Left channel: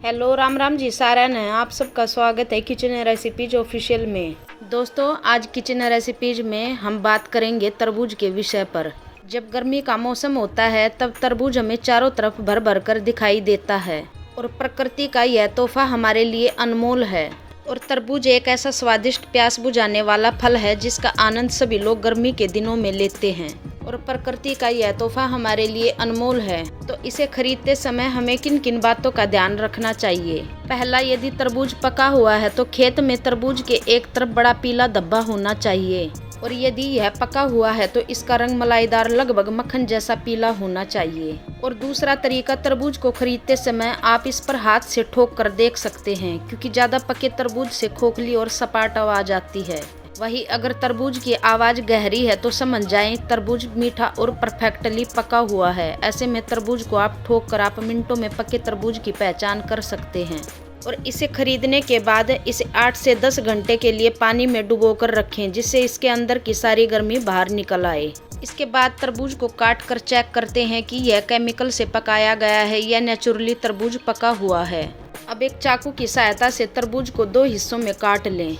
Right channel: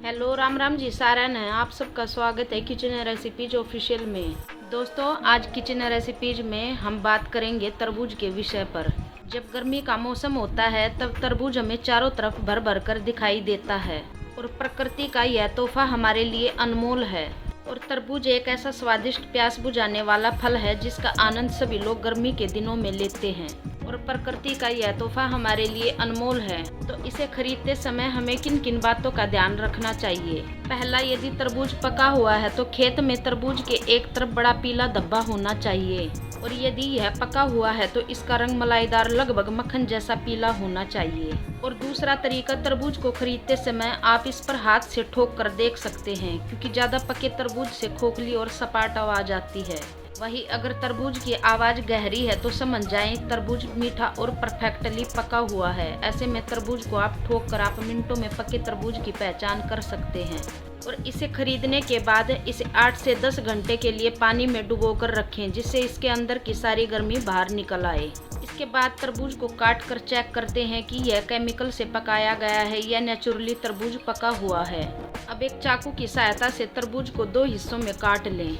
Hello, Ram Ram ji Saran है। आप सबका स्वागत है किचन रेसिपीज ऑफिशियल में। दोस्तों, आज किचन रेसिपीज में हम बात करेंगे तरबूज के विषय पर। जब गर्मी का मौसम होता है तब तरबूज हमें चारों तरफ भर भर कर दिखाई देता है और प्रकृति का यह तोहफा हमारे लिए अनमोल है। और तरबूज एक ऐसा स्वादिष्ट प्यास बुझाने वाला फल है जिसका आनंद सभी लोग गर्मी के दिनों में लेते हैं और प्रकृति का यह तोहफा हमारे लिए अनमोल है। तो इसे खरीदते समय हमें किन किन बातों का ध्यान रखना चाहिए। पहला, यदि तरबूज पका हुआ है तो खेत में तरबूज के एक तरफ बड़ा पीला धब्बा होना चाहिए और यदि यह पका हुआ है तो इसका रंग मलाईदार लगभग मक्खन जैसा पीला होना चाहिए। और दूसरा तरीका, तरबूज को खरीदते समय आप इस पर हाथ से ठोक कर देख सकते हैं क्योंकि ज़्यादा पके तरबूज से खोखली और सपाट आवाज़ आती है। वहीं अगर तरबूज की आवाज़ गहरी है तो समझ जाएं तरबूज मीठा और परफेक्टली पका हुआ है। ऐसे में तरबूज को आप ठोक कर आप मिनटों में पके तरबूज की पहचान कर सकते हैं। और इसे खरीदने के बाद इसे 8 से 10 घंटे के लिए पानी में डुबोकर रखें जिससे इसके अंदर की सारी गर्मी बाहर निकल आए। इसके बाद तरबूज को काट कर चेक करते हैं कि यह केमिकल से पकाया गया है या नेचुरली तरबूज पका हुआ है। अब एक चाकू की सहायता से तरबूज को 2 हिस्सों में काट लें।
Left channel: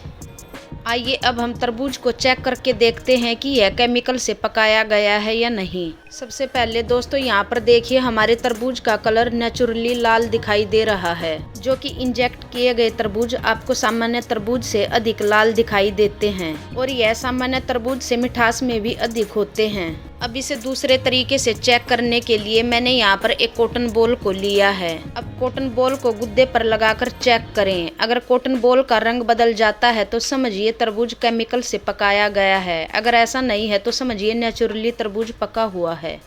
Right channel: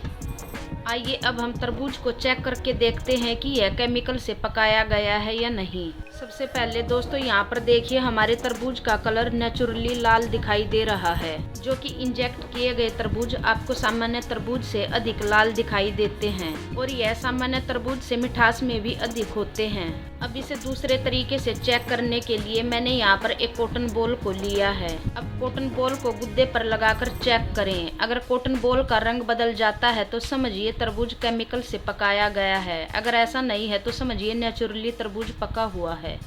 आइए अब हम तरबूज को चेक करके देखते हैं कि यह केमिकल से पकाया गया है या नहीं। सबसे पहले दोस्तों, यहाँ पर देखिए हमारे तरबूज का कलर नेचुरली लाल दिखाई दे रहा है, जो कि इंजेक्ट किए गए तरबूज आपको सामान्य तरबूज से अधिक लाल दिखाई देते हैं और यह सामान्य तरबूज से मिठास में भी अधिक होते हैं। अब इसे दूसरे तरीके से चेक करने के लिए मैंने यहाँ पर एक कॉटन बॉल को लिया है। अब कॉटन बॉल को गुद्दे पर लगाकर चेक करें। अगर कॉटन बॉल का रंग बदल जाता है तो समझिए तरबूज केमिकल से पकाया गया है। अगर ऐसा नहीं है तो समझिए नेचुरली तरबूज पका हुआ है।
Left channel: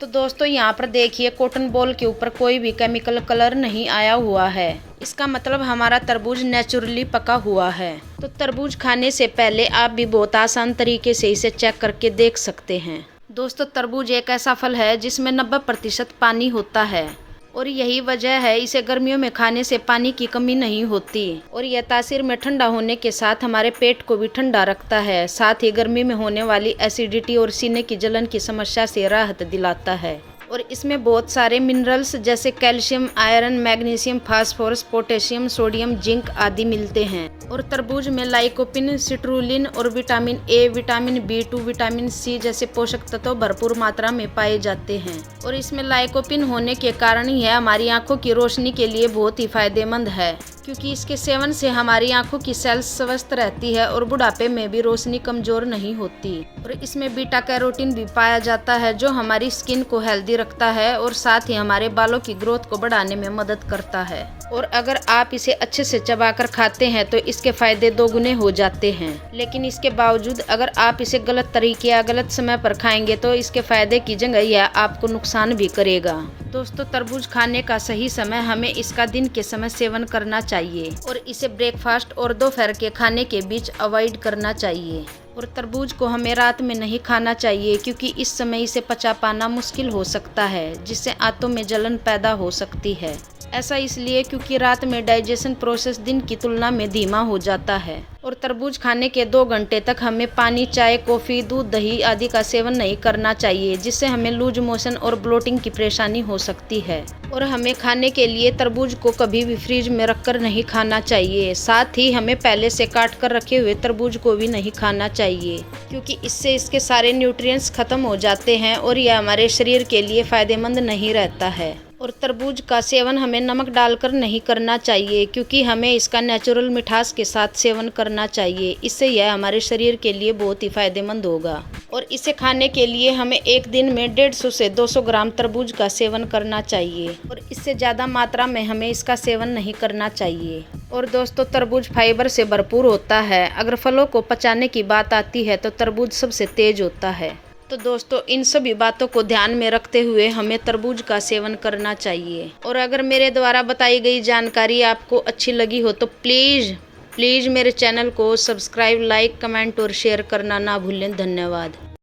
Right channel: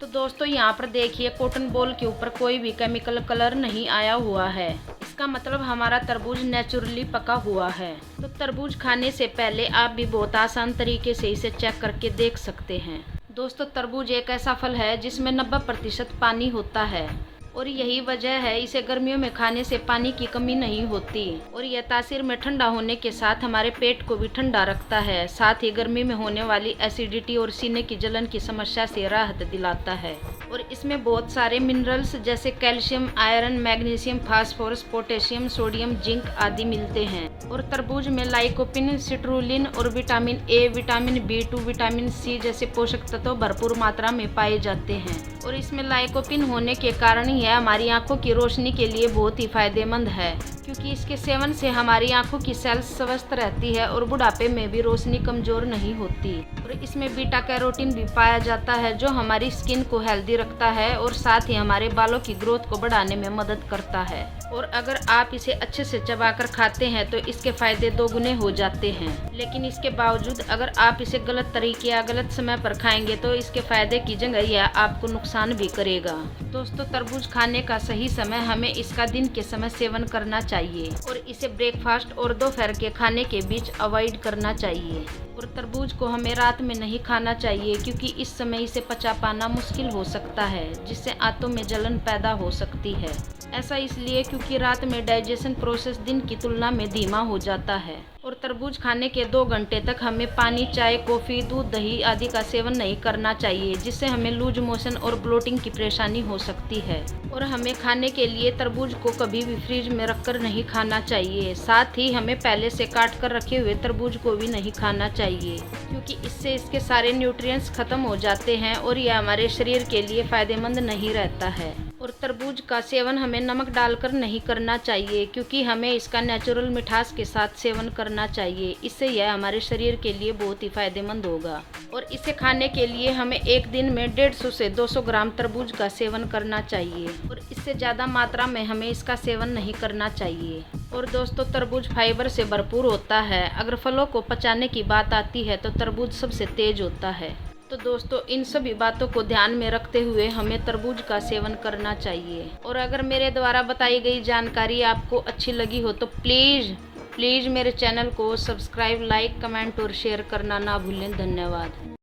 तो दोस्तों, यहाँ पर देखिए कॉटन बॉल के ऊपर कोई भी केमिकल कलर नहीं आया हुआ है। इसका मतलब हमारा तरबूज नेचुरली पका हुआ है। तो तरबूज खाने से पहले आप भी बहुत आसान तरीके से इसे चेक करके देख सकते हैं। दोस्तों, तरबूज एक ऐसा फल है जिसमें 90% पानी होता है और यही वजह है इसे गर्मियों में खाने से पानी की कमी नहीं होती और यह तासीर में ठंडा होने के साथ हमारे पेट को भी ठंडा रखता है। साथ ही गर्मी में होने वाली एसिडिटी और सीने की जलन की समस्या से राहत दिलाता है। और इसमें बहुत सारे मिनरल्स जैसे calcium, iron, magnesium, phosphorus, potassium, sodium, zinc आदि मिलते हैं। और तरबूज में लाइकोपिन, सिट्रुलिन और vitamin A, vitamin B2, vitamin C जैसे पोषक तत्व भरपूर मात्रा में पाए जाते हैं। और इसमें लाइकोपिन होने के कारण यह हमारी आंखों की रोशनी के लिए बहुत ही फायदेमंद है क्योंकि इसके सेवन से हमारी आंखों की सेल्स स्वस्थ रहती है और बुढ़ापे में भी रोशनी कमजोर नहीं होती। और इसमें बीटा कैरोटीन भी पाया जाता है जो हमारी स्किन को हेल्दी रखता है और साथ ही हमारे बालों की ग्रोथ को बढ़ाने में मदद करता है। और अगर आप इसे अच्छे से चबाकर खाते हैं तो इसके फायदे 2 गुने हो जाते हैं। लेकिन इसके बावजूद अगर आप इसे गलत तरीके या गलत समय पर खाएंगे तो इसके फायदे की जगह यह आपको नुकसान भी करेगा। दोस्तों, तरबूज खाने का सही समय हमें इसका दिन के समय सेवन करना चाहिए और इसे ब्रेकफास्ट और दोपहर के खाने के बीच अवॉइड करना चाहिए। और तरबूज को हमें रात में नहीं खाना चाहिए क्योंकि इस समय इसे पचा पाना मुश्किल हो सकता है जिससे आंतों में जलन पैदा हो सकती है। ऐसा इसलिए क्योंकि रात में डाइजेशन प्रोसेस दिन की तुलना में धीमा हो जाता है। और तरबूज खाने के 2 घंटे तक हमें पानी, चाय, कॉफ़ी, दूध, दही आदि का सेवन नहीं करना चाहिए जिससे हमें लूज मोशन और ब्लोटिंग की परेशानी हो सकती है। और हमें खाने के लिए तरबूज को कभी भी फ्रिज में रखकर नहीं खाना चाहिए। साथ ही हमें पहले से काट कर रखे हुए तरबूज को भी नहीं खाना चाहिए क्योंकि इससे इसके सारे न्यूट्रिएंट्स खत्म हो जाते हैं और यह हमारे शरीर के लिए फायदेमंद नहीं रहता है। और तरबूज का सेवन हमें नमक डालकर नहीं करना चाहिए क्योंकि हमें इसका नेचुरल मिठास के साथ सेवन करना चाहिए। इससे यह हमारे शरीर के लिए बहुत ही फायदेमंद होगा। और इसे खाने के लिए हमें एक दिन में 150 से 200 ग्राम तरबूज का सेवन करना चाहिए और इससे ज़्यादा मात्रा में हमें इसका सेवन नहीं करना चाहिए। और दोस्तों, तरबूज फाइबर से भरपूर होता है। अगर फलों को पचाने की बात आती है तो तरबूज सबसे तेज होता है। तो दोस्तों, इन सभी बातों को ध्यान में रखते हुए हमें तरबूज का सेवन करना चाहिए। और अगर मेरे द्वारा बताई गई जानकारी आपको अच्छी लगी हो तो प्लीज़ मेरे चैनल को सब्सक्राइब, लाइक, कमेंट और शेयर करना ना भूलें। धन्यवाद।